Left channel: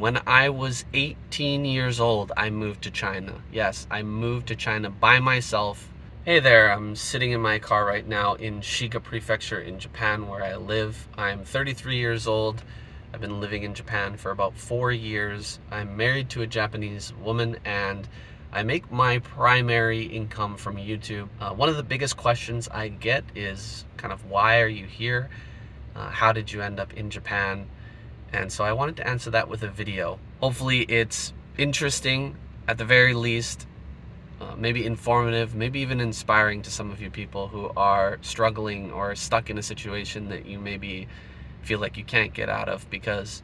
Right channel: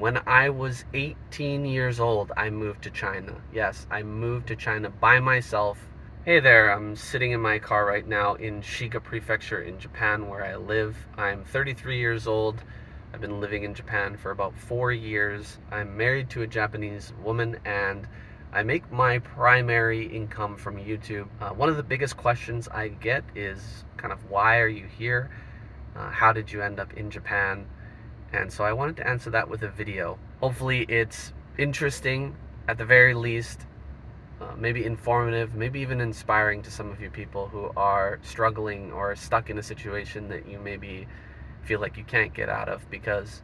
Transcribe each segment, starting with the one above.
beginning. When I was 18 years old, I moved to China. Yes, I moved to China by myself. Hey there, I'm sitting in my car right now in Shiga Prefecture in Japan, where I live. I'm 33 years old. I've been living in Japan for about 4 years. I'm married to a Japanese woman, and I make my primary income from YouTube. One of the biggest questions I get is kind of, why are you here? How did you end up in Japan? And so I wanted to answer that with a video. Hopefully it's interesting at the very least, maybe informative, maybe even inspiring to some of you people who are struggling or stuck in a situation that you maybe feel like you can't get out of, because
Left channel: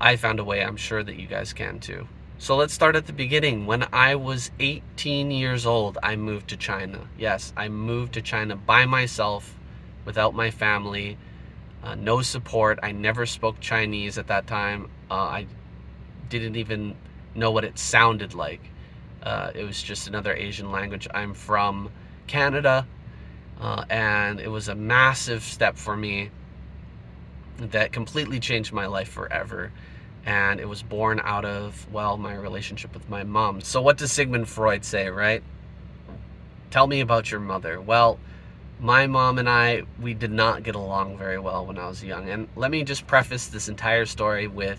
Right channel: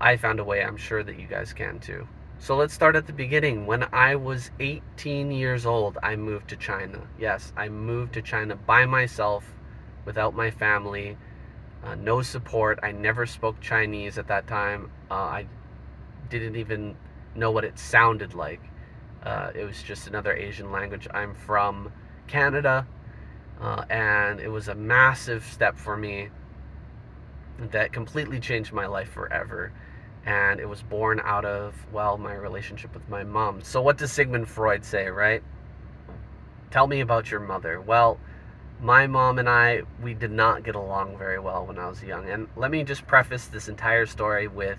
I found a way. I'm sure that you guys can too. So let's start at the beginning. When I was 18 years old, I moved to China. Yes, I moved to China by myself, without my family. No support. I never spoke Chinese at that time. I didn't even know what it sounded like. It was just another Asian language. I'm from Canada, and it was a massive step for me that completely changed my life forever. And it was born out of, well, my relationship with my mom. So what does Sigmund Freud say, right? Tell me about your mother. Well, my mom and I, we did not get along very well when I was young. And let me just preface this entire story with,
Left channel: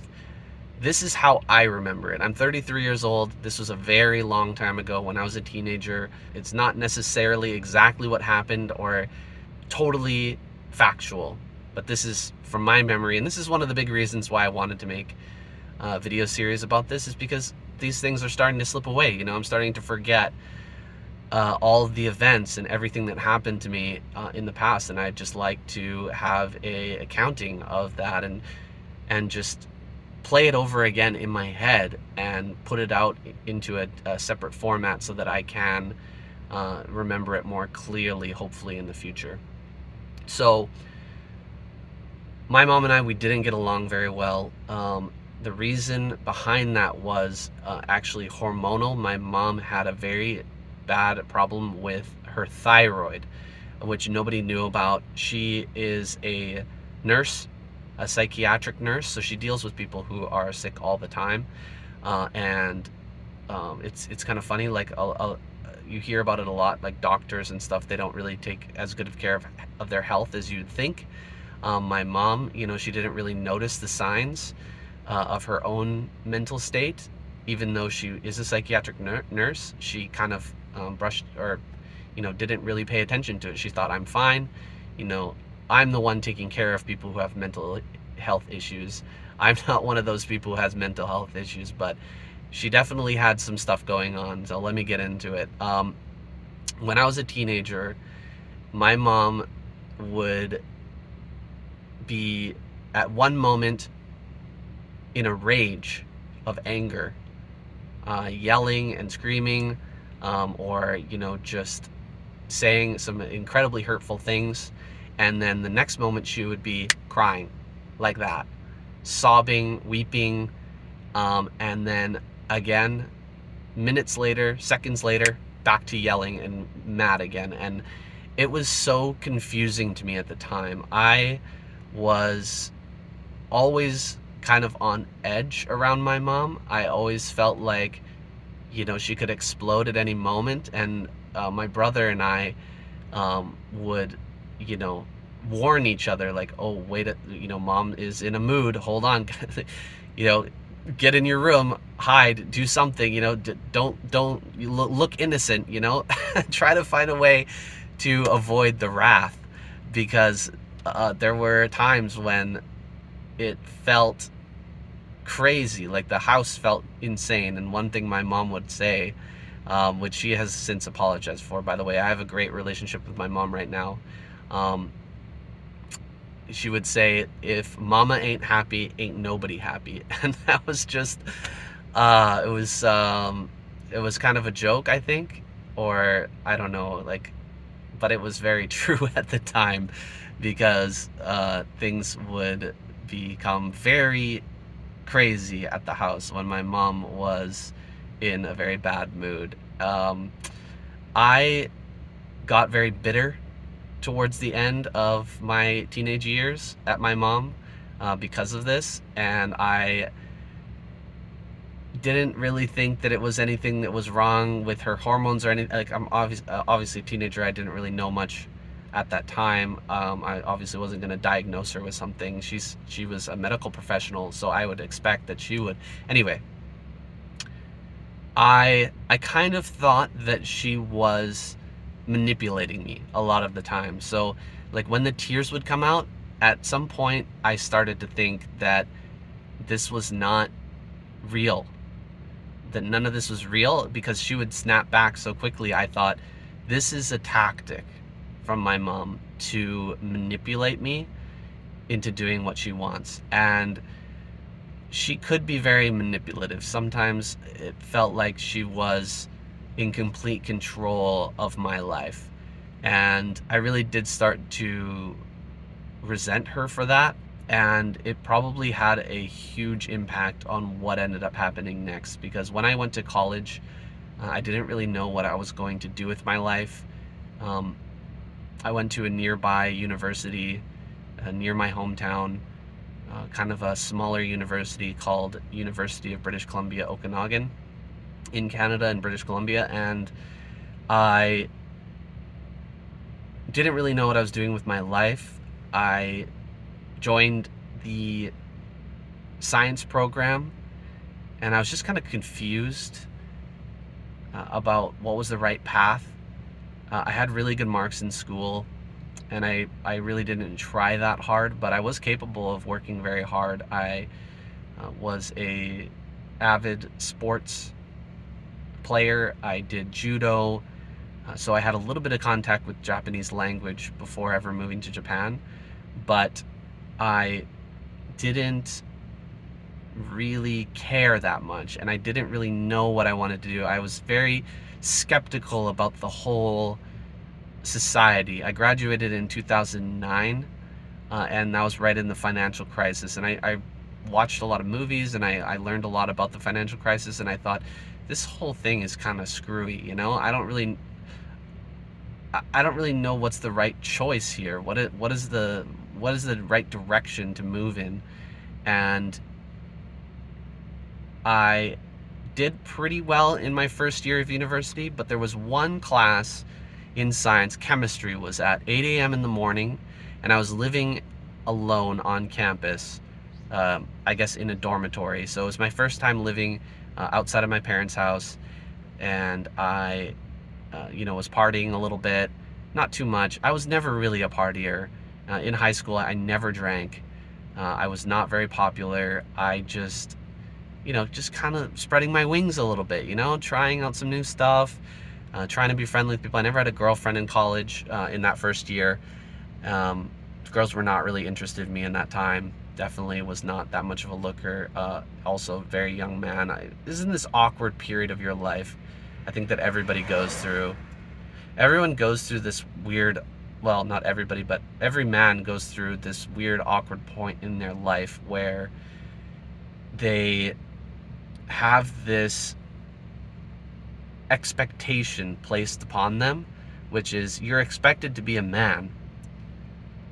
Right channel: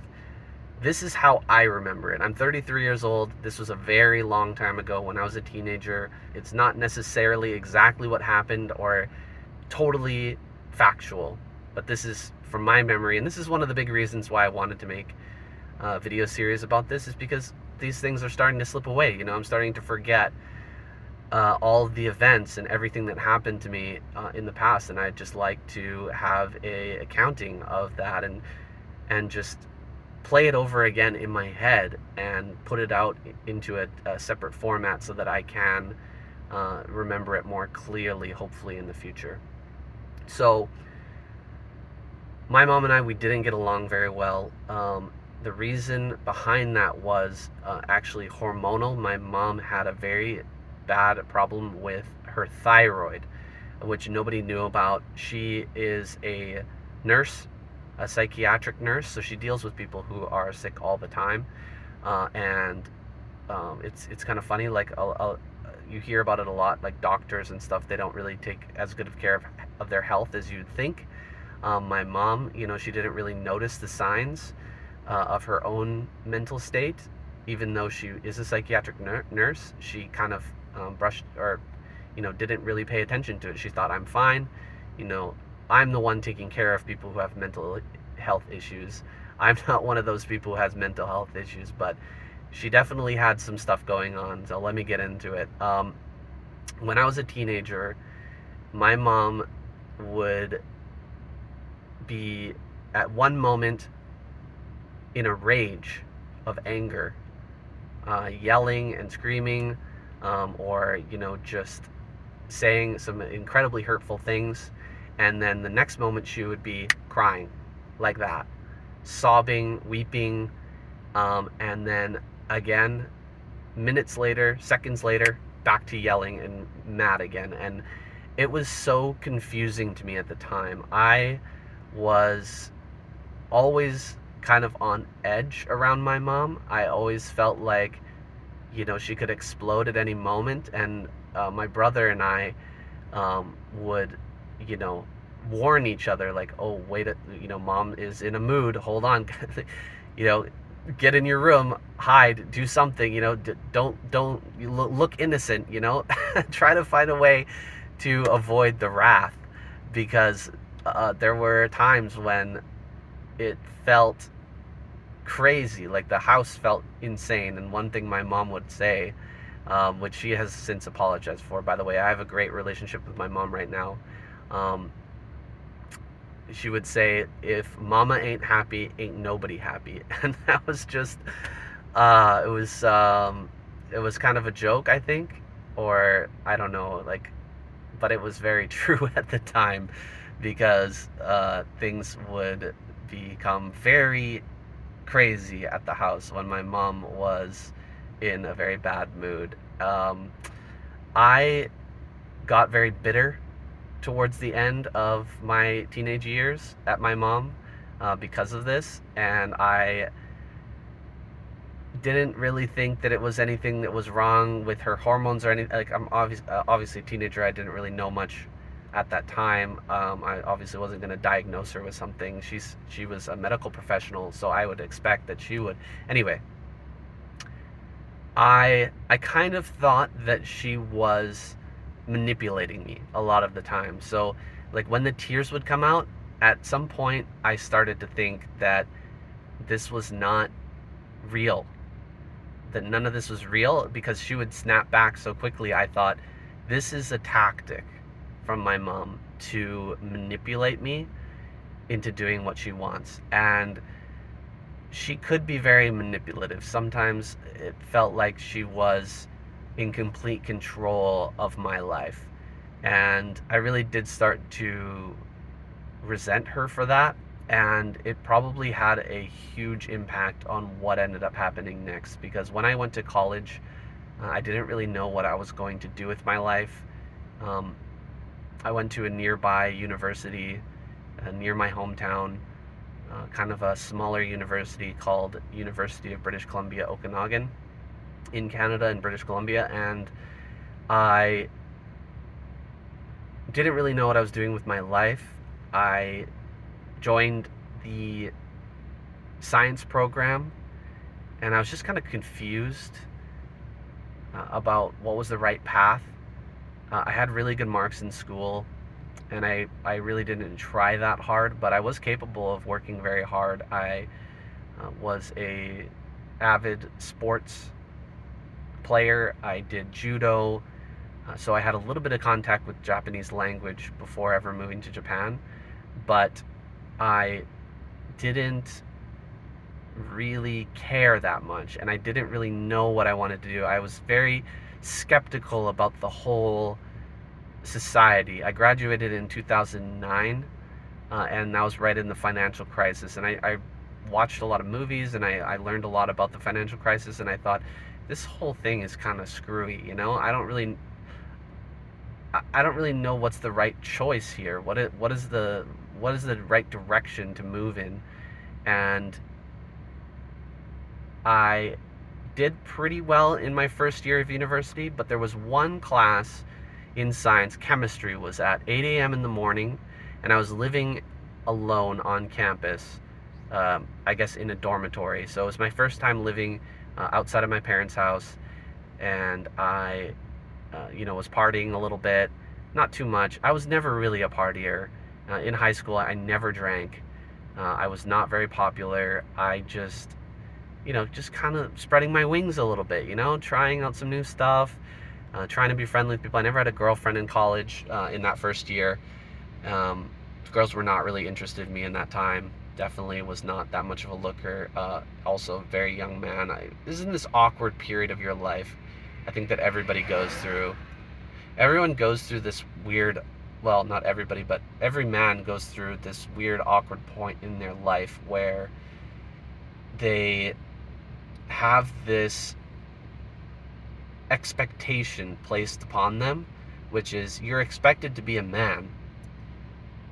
this is how I remember it. I'm 33 years old. This was a very long time ago when I was a teenager. It's not necessarily exactly what happened or totally factual, but this is from my memory. And this is one of the big reasons why I wanted to make a video series about this, is because these things are starting to slip away. You know, I'm starting to forget all of the events and everything that happened to me in the past, and I'd just like to have a accounting of that, and just play it over again in my head and put it out into a separate format so that I can remember it more clearly, hopefully in the future. So my mom and I, we didn't get along very well. The reason behind that was actually hormonal. My mom had a very bad problem with her thyroid, which nobody knew about. She is a nurse, a psychiatric nurse, so she deals with people who are sick all the time. And it's kind of funny, like you hear about it a lot, like doctors and stuff, they don't really take as good of care of their health as you'd think. My mom, you know, she didn't really notice the signs of her own mental state. Even though she is a psychiatric nurse, she kind of brushed, or, you know, didn't really pay attention to it. She thought, I'm fine. You know, I'm the one taking care of people who have mental health issues. I'm not one of those people who has mental health issues, but she definitely had some stuff going on. So let me get into it. When I was a teenager, my mom would be at one moment in a rage of anger, yelling and screaming, or, you know, just saying some incredibly hurtful things. And then the next moment she would be crying like that, sobbing, weeping, and then again, minutes later, seconds later, back to yelling and mad again. And it was so confusing to me at the time. I was always kind of on edge around my mom. I always felt like, you know, she could explode at any moment. And my brother and I would, you know, warn each other, like, oh, wait, you know, mom is in a mood, hold on. You know, get in your room, hide, do something, you know, don't you look innocent, you know. Try to find a way to avoid the wrath, because there were times when it felt crazy, like the house felt insane. And one thing my mom would say, which she has since apologized for, by the way, I have a great relationship with my mom right now. She would say, if mama ain't happy, ain't nobody happy. And that was just it was kind of a joke, I think, or I don't know, like, but it was very true at the time, because things would become very crazy at the house when my mom was in a very bad mood. I got very bitter towards the end of my teenage years at my mom because of this, and I didn't really think that it was anything that was wrong with her hormones or anything. Like, I'm obviously a teenager. I didn't really know much at that time. I obviously wasn't going to diagnose her with something. She was a medical professional, so I would expect that she would. Anyway, I kind of thought that she was manipulating me a lot of the time. So, like, when the tears would come out, at some point I started to think that this was not real, that none of this was real, because she would snap back so quickly. I thought, this is a tactic from my mom to manipulate me into doing what she wants. And she could be very manipulative. Sometimes it felt like she was in complete control of my life. And I really did start to resent her for that. And it probably had a huge impact on what ended up happening next. Because when I went to college, I didn't really know what I was going to do with my life. I went to a nearby university near my hometown, kind of a smaller university called University of British Columbia, Okanagan, in Canada, in British Columbia. And I didn't really know what I was doing with my life. I joined the science program, and I was just kind of confused about what was the right path. I had really good marks in school, and I really didn't try that hard, but I was capable of working very hard. I was a avid sports player. I did judo, so I had a little bit of contact with Japanese language before ever moving to Japan, but I didn't really care that much, and I didn't really know what I wanted to do. I was very skeptical about the whole society. I graduated in 2009, and that was right in the financial crisis. And I watched a lot of movies, and I learned a lot about the financial crisis, and I thought, this whole thing is kind of screwy, you know? I don't really know what's the right choice here. What is the right direction to move in? And I did pretty well in my first year of university, but there was one class in science. Chemistry was at 8 a.m. in the morning, and I was living alone on campus, I guess in a dormitory. So it was my first time living outside of my parents' house, and I was partying a little bit, not too much. I was never really a partier. In high school, I never drank. I was not very popular. I just kind of spreading my wings a little bit, trying out some new stuff, trying to be friendly with people. I never had a girlfriend in college in that first year. Girls were not really interested in me in that time. Definitely was not that much of a looker. Also, very young man. This is in this awkward period of your life, I think, that everybody goes through. Everyone goes through this weird, well, not everybody, but every man goes through this weird, awkward point in their life where they have this expectation placed upon them, which is, you're expected to be a man.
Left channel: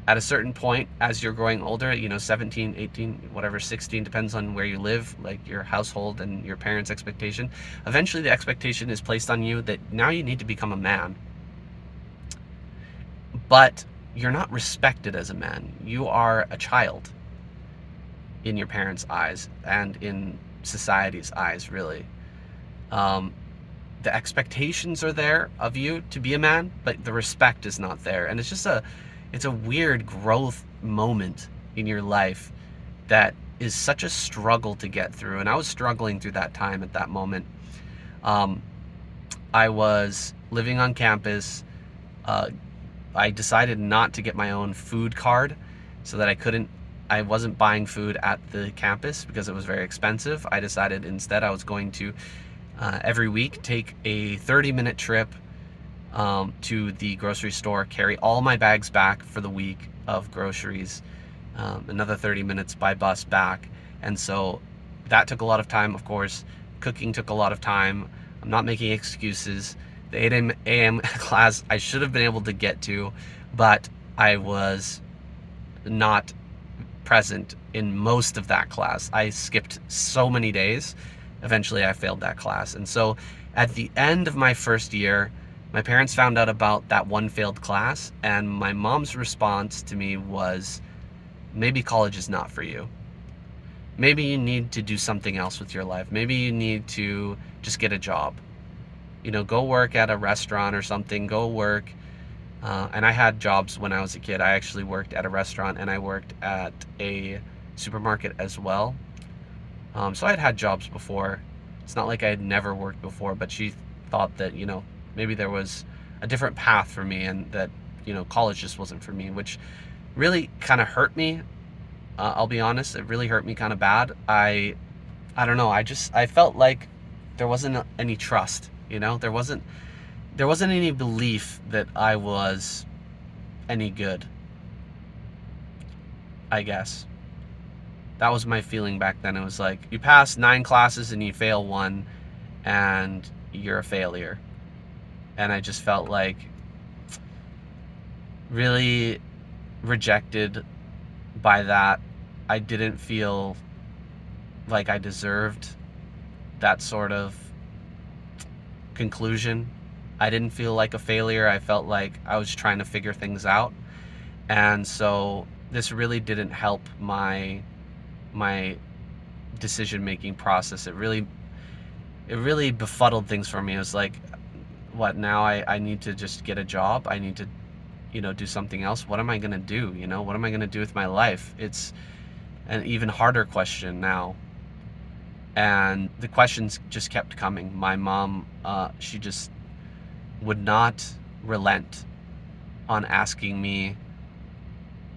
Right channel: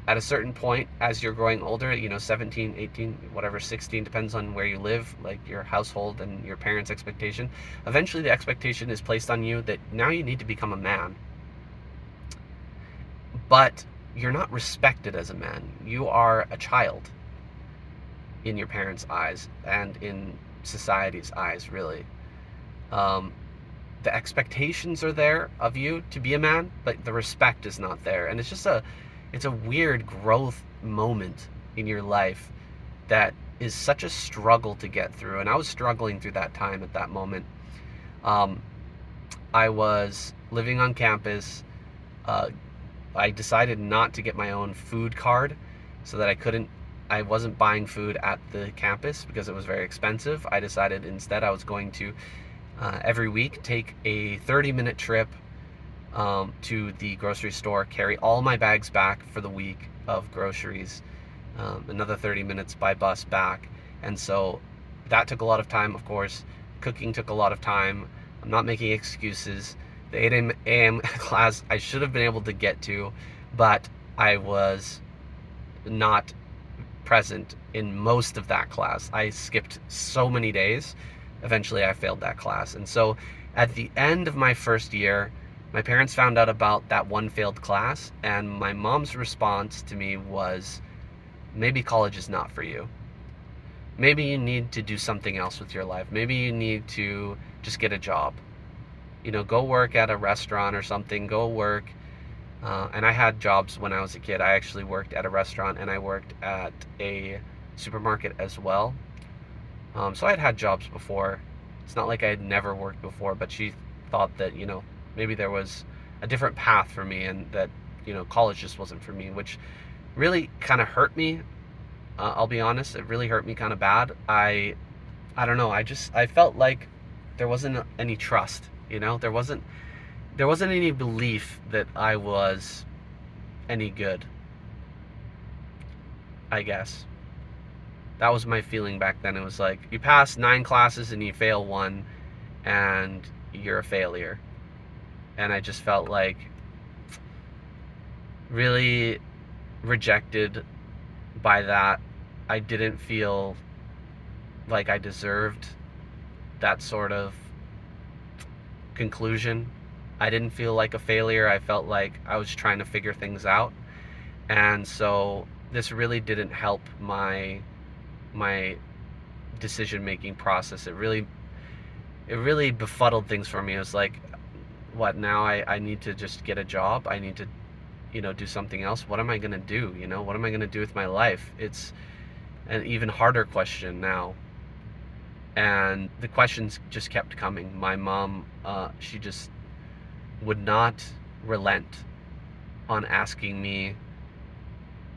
At a certain point, as you're growing older, 17, 18, whatever, 16, depends on where you live, like your household and your parents' expectation. Eventually the expectation is placed on you that now you need to become a man. But you're not respected as a man. You are a child in your parents' eyes and in society's eyes, really. The expectations are there of you to be a man, but the respect is not there. And it's just it's a weird growth moment in your life that is such a struggle to get through. And I was struggling through that time at that moment. I was living on campus. I decided not to get my own food card so that I wasn't buying food at the campus because it was very expensive. I decided instead I was going to every week take a 30-minute trip to the grocery store, carry all my bags back for the week of groceries, another 30 minutes by bus back. And so that took a lot of time, of course. Cooking took a lot of time. I'm not making excuses. The 8 a.m. class I should have been able to get to, but I was not present in most of that class. I skipped so many days eventually I failed that class. And so at the end of my first year, my parents found out about that one failed class, and my mom's response to me was, maybe college is not for you. Maybe you need to do something else with your life. Maybe you need to just get a job. Go work at a restaurant or something. Go work. And I had jobs when I was a kid. I actually worked at a restaurant and I worked at a supermarket as well. So I had jobs before. It's not like I had never worked before, but she thought that, maybe there was a different path for me, and that, college just wasn't for me, which really kind of hurt me. I'll be honest, it really hurt me kind of bad. I don't know. I felt like there wasn't any trust, there wasn't any belief that I was any good, I guess. That was my feeling back then. It was like, you pass 9 classes and you fail one, and you're a failure. And I just felt like really rejected by that. I didn't feel like I deserved that sort of conclusion. I didn't feel like a failure. I felt like I was trying to figure things out. And so this really didn't help my decision-making process. It really befuddled things for me. It was like, what now? I need to just get a job. I need to, do something else. What am I going to do? What am I going to do with my life? It's an even harder question now. And the questions just kept coming. My mom, she just would not relent on asking me,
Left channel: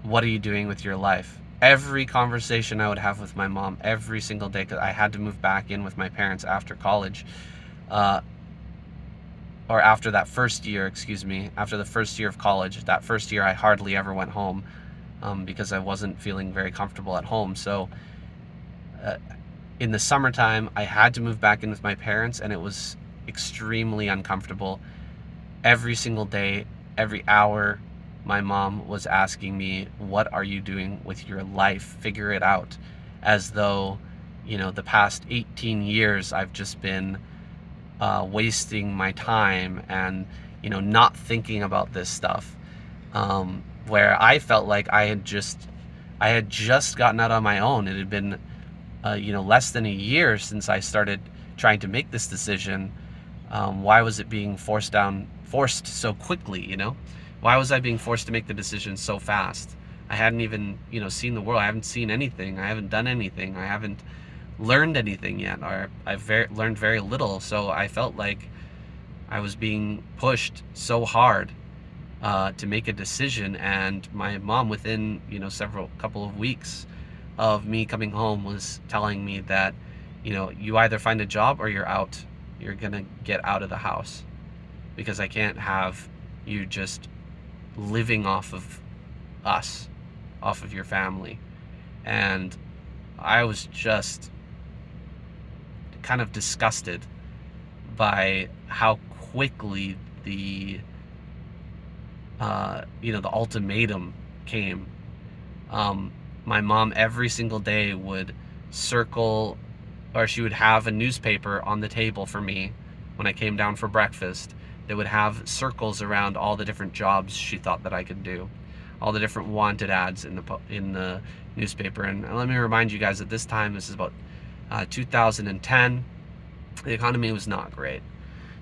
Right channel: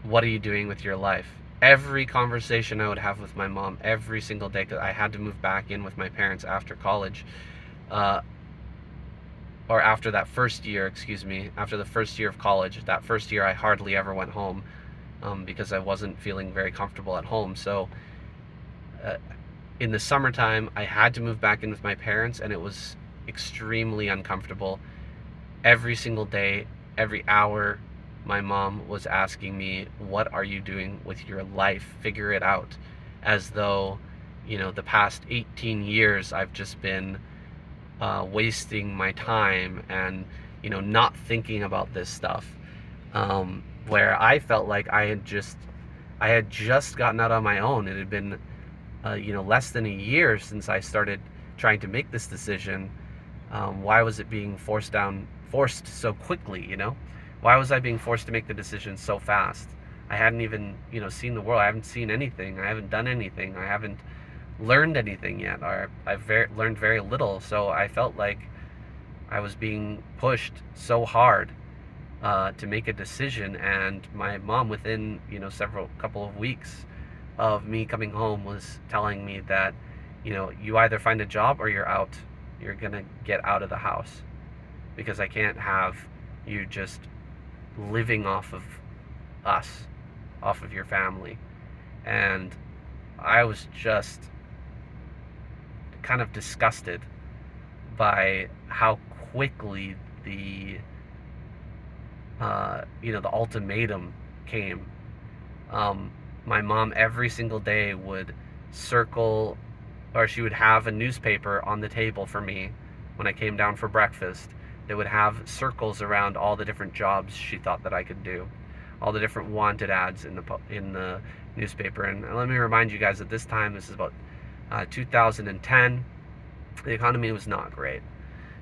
what are you doing with your life? Every conversation I would have with my mom, every single day, because I had to move back in with my parents after college, or after that first year, after the first year of college. That first year I hardly ever went home, because I wasn't feeling very comfortable at home. So in the summertime, I had to move back in with my parents, and it was extremely uncomfortable. Every single day, every hour, my mom was asking me, what are you doing with your life? Figure it out. As though, the past 18 years I've just been wasting my time and, not thinking about this stuff. Where I felt like I had just gotten out on my own. It had been, less than a year since I started trying to make this decision. Why was it being forced so quickly? Why was I being forced to make the decision so fast? I hadn't even, seen the world. I haven't seen anything. I haven't done anything. I haven't learned anything yet, or I've learned very little. So I felt like I was being pushed so hard to make a decision. And my mom, within, couple of weeks of me coming home, was telling me that, you either find a job or you're out. You're gonna get out of the house, because I can't have you just living off of us, off of your family. And I was just kind of disgusted by how quickly the ultimatum came. My mom every single day would circle, or she would have a newspaper on the table for me when I came down for breakfast. They would have circles around all the different jobs she thought that I could do, all the different wanted ads in the newspaper. And let me remind you guys, at this time, this is about 2010, the economy was not great.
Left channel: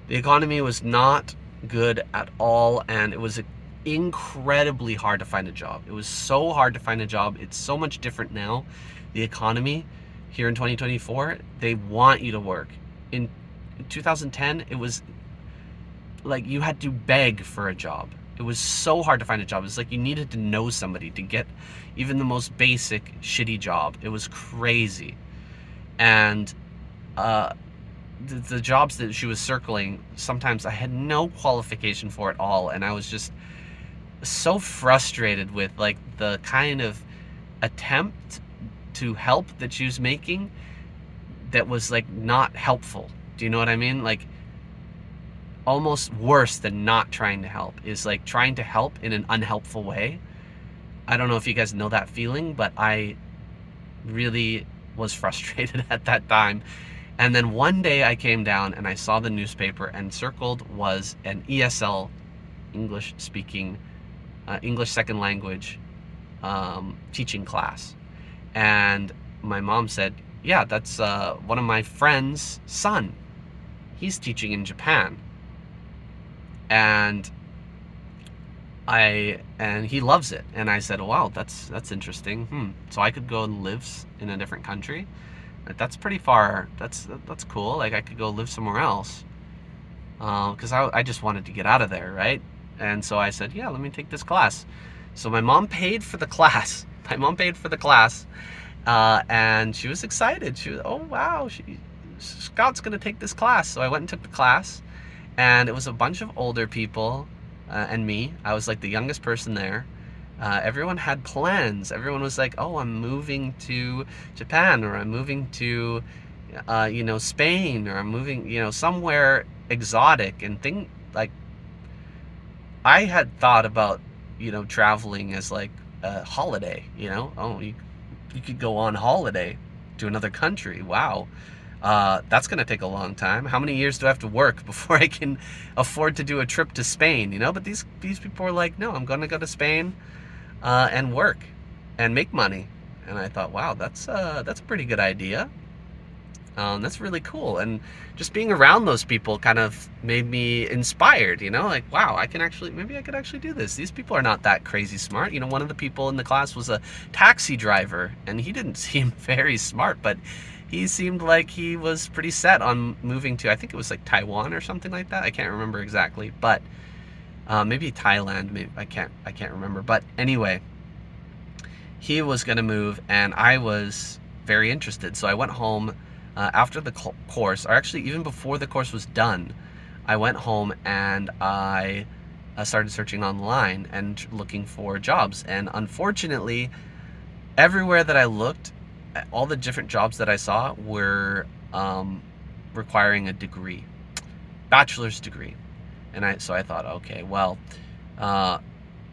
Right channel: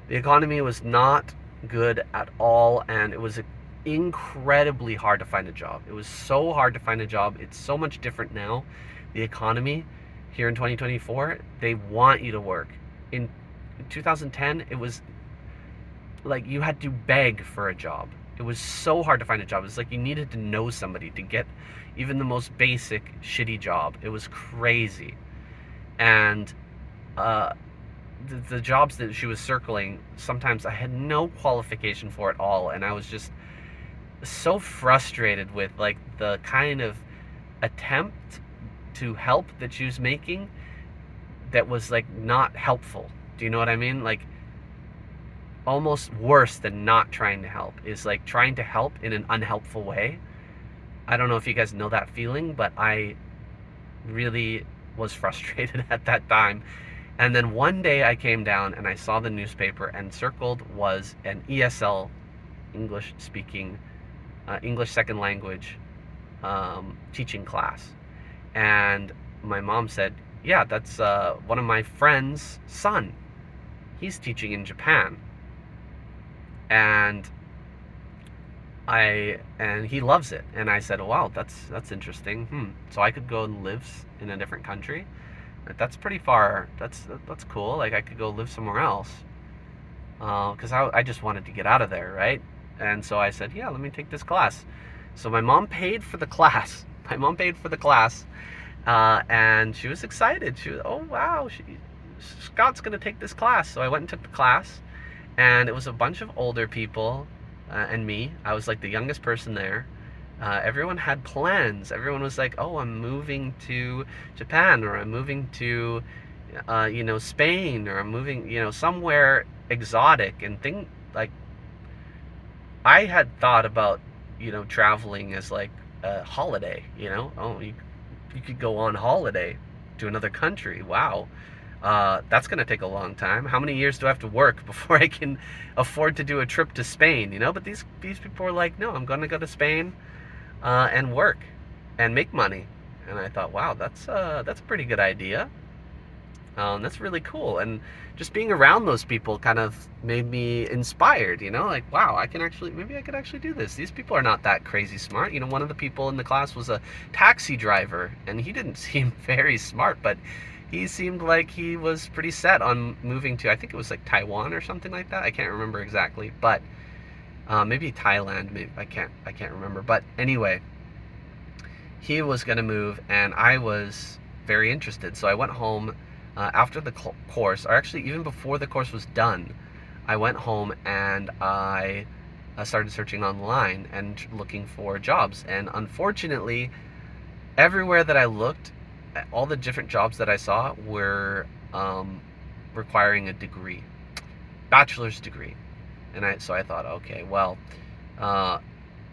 The economy was not good at all, and it was incredibly hard to find a job. It was so hard to find a job. It's so much different now. The economy here in 2024, they want you to work. In 2010, it was like you had to beg for a job. It was so hard to find a job. It was like you needed to know somebody to get even the most basic shitty job. It was crazy. And the jobs that she was circling, sometimes I had no qualification for at all, and I was just so frustrated with like the kind of attempt to help that she was making that was like not helpful. Do you know what I mean? Like, almost worse than not trying to help is like trying to help in an unhelpful way. I don't know if you guys know that feeling, but I really was frustrated at that time. And then one day I came down and I saw the newspaper, and circled was an ESL, English speaking, English second language teaching class. And my mom said, yeah, that's one of my friend's son. He's teaching in Japan. And he loves it. And I said, wow, that's interesting. So I could go and live in a different country. That's pretty far. That's cool. Like, I could go live somewhere else. Because I just wanted to get out of there, right? And so I said, yeah, let me take this class. So my mom paid for the class. And she was excited. She was, oh wow, Scott's gonna take this class. So I went and took the class, and it was a bunch of older people and me. I was like the youngest person there. Everyone had plans. Everyone was like, oh, I'm moving to Japan, or I'm moving to Spain, or I'm moving somewhere exotic, and like, I had thought about traveling as like a holiday. Oh, you could go on holiday to another country. Wow. That's going to take a long time. How many years do I have to work before I can afford to do a trip to Spain? But these people were like, no, I'm going to go to Spain and work and make money. And I thought, wow, that's a pretty good idea. That's really cool. And just being around those people kind of made me inspired, like, wow, maybe I could actually do this. These people are not that crazy smart. One of the people in the class was a taxi driver, and he didn't seem very smart, but he seemed like he was pretty set on moving to, I think it was like Taiwan or something like that. I can't remember exactly, but maybe Thailand. Maybe I can't remember. But anyway, he was gonna move, and I was very interested. So I went home after the course, or actually even before the course was done. I went home and I started searching online and looking for jobs. And unfortunately, everywhere that I looked, all the different jobs that I saw were requiring a degree, bachelor's degree. And so I thought, okay, well,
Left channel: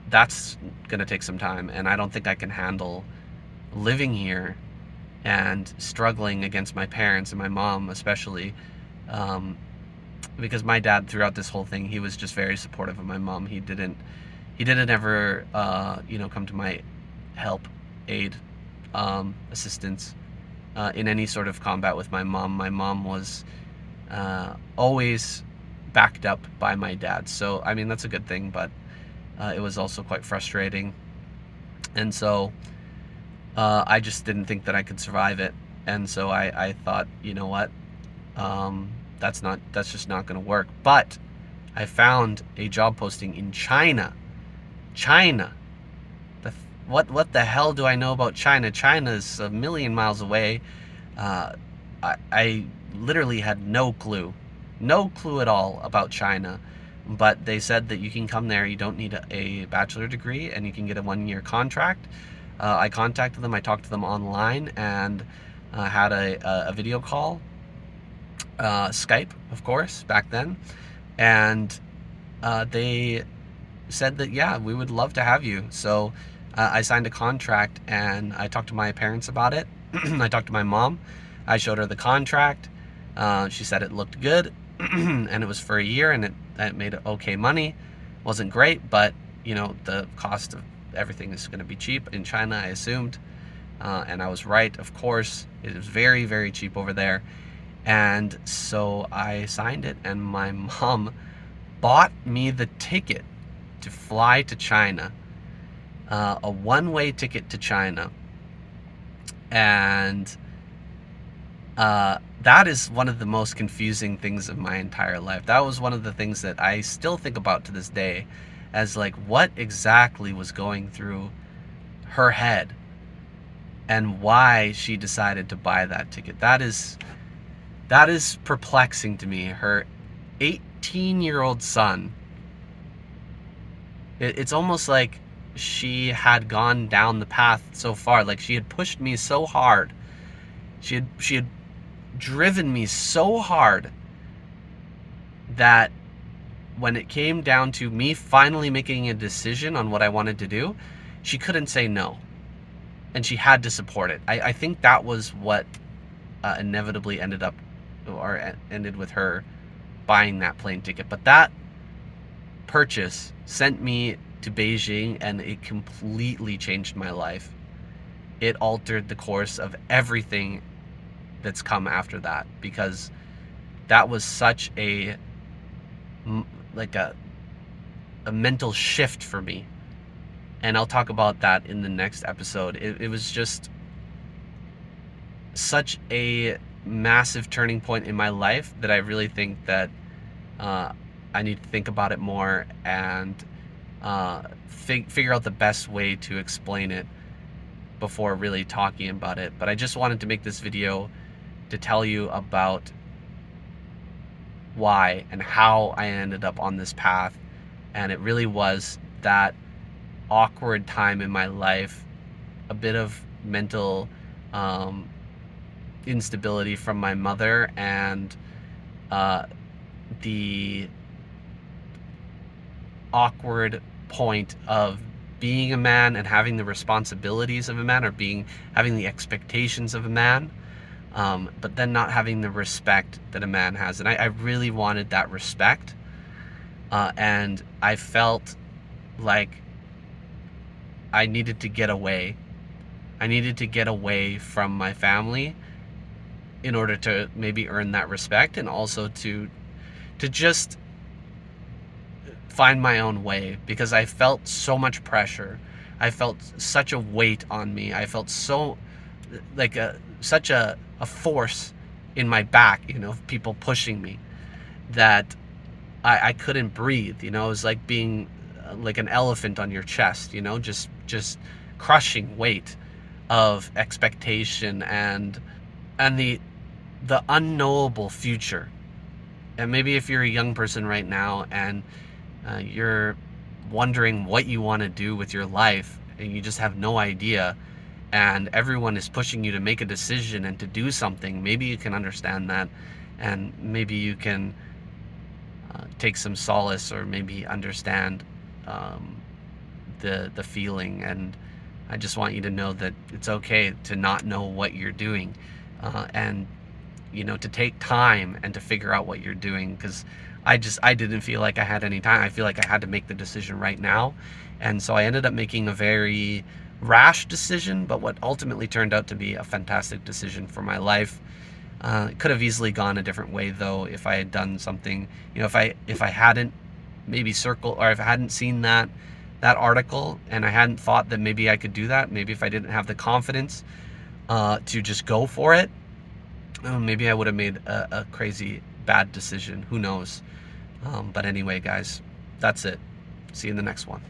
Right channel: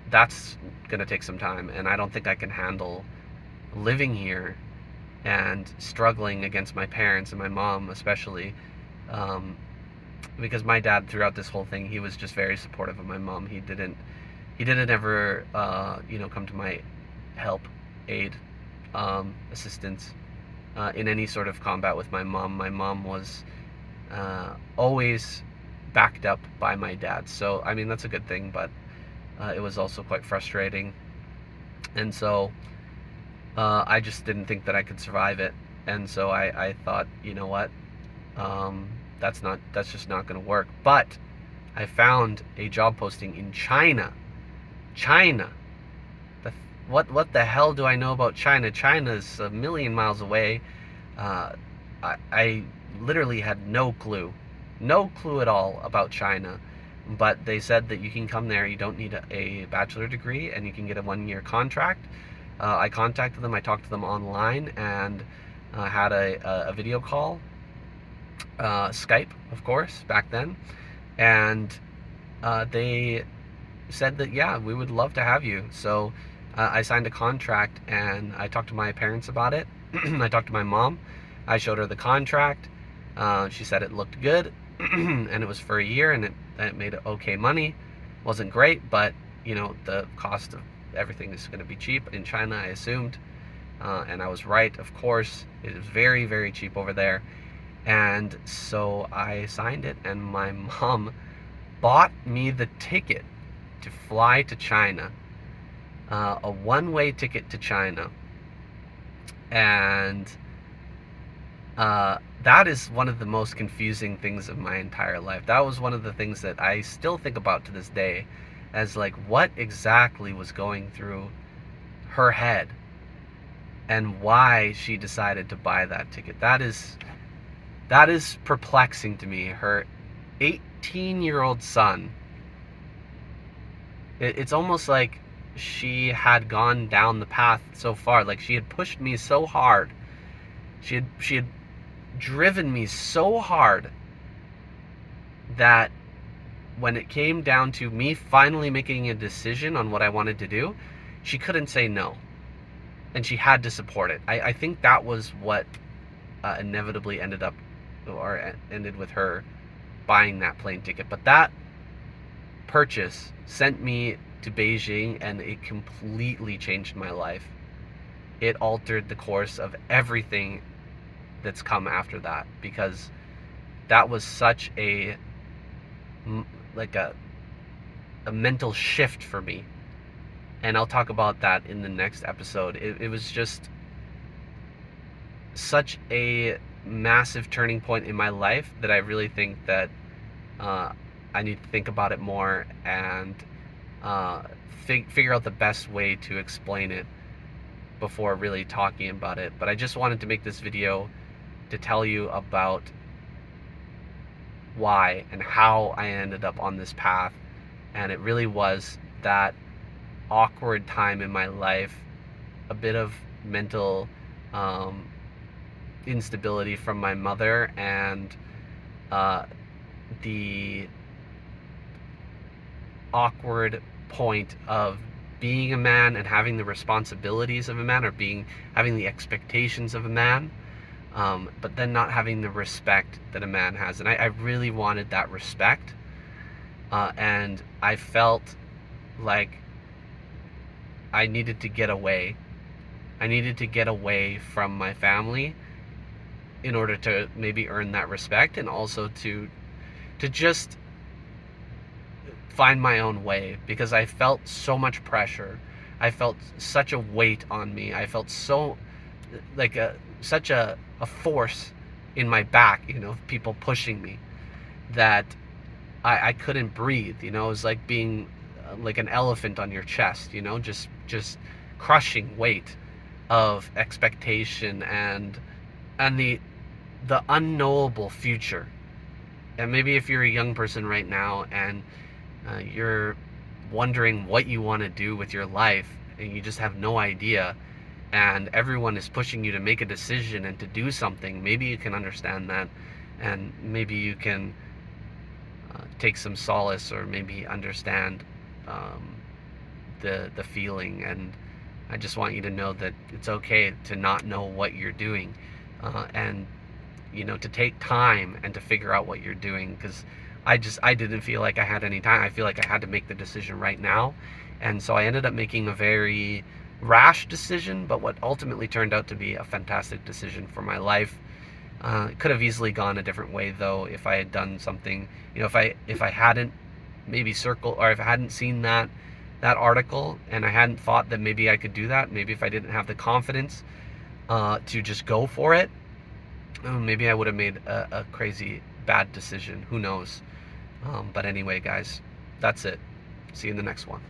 that's gonna take some time, and I don't think I can handle living here and struggling against my parents and my mom especially, because my dad, throughout this whole thing, he was just very supportive of my mom. He didn't ever come to my aid, assistance in any sort of combat with my mom. My mom was always backed up by my dad. So I mean, that's a good thing, but it was also quite frustrating. And so I just didn't think that I could survive it. And so I thought, you know what, that's just not going to work. But I found a job posting in China. What the hell do I know about China? China's a million miles away. I literally had no clue at all about China. But they said that you can come there, you don't need a bachelor degree, and you can get a 1-year contract. I contacted them, I talked to them online, and had a video call, Skype, of course, back then. And they said that, yeah, we would love to have you. So I signed a contract, and I talked to my parents about it. I talked to my mom. I showed her the contract. She said it looked good, and it was for a year, and it made okay money. Wasn't great, but the cost of everything is going to be cheap in China, I assumed, and I was right. Of course, it is very, very cheap over there. And so I signed it, and my mom bought me the ticket to fly to China, a one-way ticket to China. And that is one of the most confusing things of my entire life. That was one of the things that I still think about to this day, as like, what exactly was going through her head and why she decided to buy that ticket. That is perplexing to me. Her 18-year-old son, it's almost like she had gone down the path so far. Like, she had pushed me so hard. She had driven me so hard that when it came down to me finally making a decision on what I wanted to do, she couldn't say no, and she had to support it. I think that was what inevitably ended up or ended with her buying that plane ticket. But that purchase sent me to Beijing, and it completely changed my life. It altered the course of everything that's come after that, because that was such a like a mental shift for me. And I'll talk about that in the next episode. It was just such a massive turning point in my life that I really think that I need to think about it more and figure out the best way to explain it before really talking about it. But I just wanted to make this video to tell you about why and how I ended up on this path. And it really was that awkward time in my life, a bit of mental instability from my mother, and the awkward point of being a man and having the responsibilities of a man, or having the expectations of a man, but then not having the respect that a man has. And I really wanted that respect, and I felt like I needed to get away. I needed to get away from my family in order to maybe earn that respect, and also to just find my own way, because I felt so much pressure. I felt such a weight on me. I felt so like such a force in my back, people pushing me, that I couldn't breathe. It was like being like an elephant on your chest, just crushing weight of expectation and the unknowable future. And maybe if you're a young person right now and you're wondering what you want to do with your life, and you just have no idea, and everyone is pushing you to make a decision and to do something, maybe you can understand that, and maybe you can take some solace, or maybe understand the feeling. And I just want you to know that it's okay to not know what you're doing, and to take time and to figure out what you're doing, because I didn't feel like I had any time. I feel like I had to make the decision right now. And so I ended up making a very rash decision, but what ultimately turned out to be a fantastic decision for my life. It could have easily gone a different way, though, if I had done something, if I hadn't maybe or if I hadn't seen that article, and I hadn't thought that maybe I could do that, maybe if I didn't have the confidence to just go for it, maybe I would have made a crazy bad decision. Who knows? But anyway, guys, that's it. See you in the next one.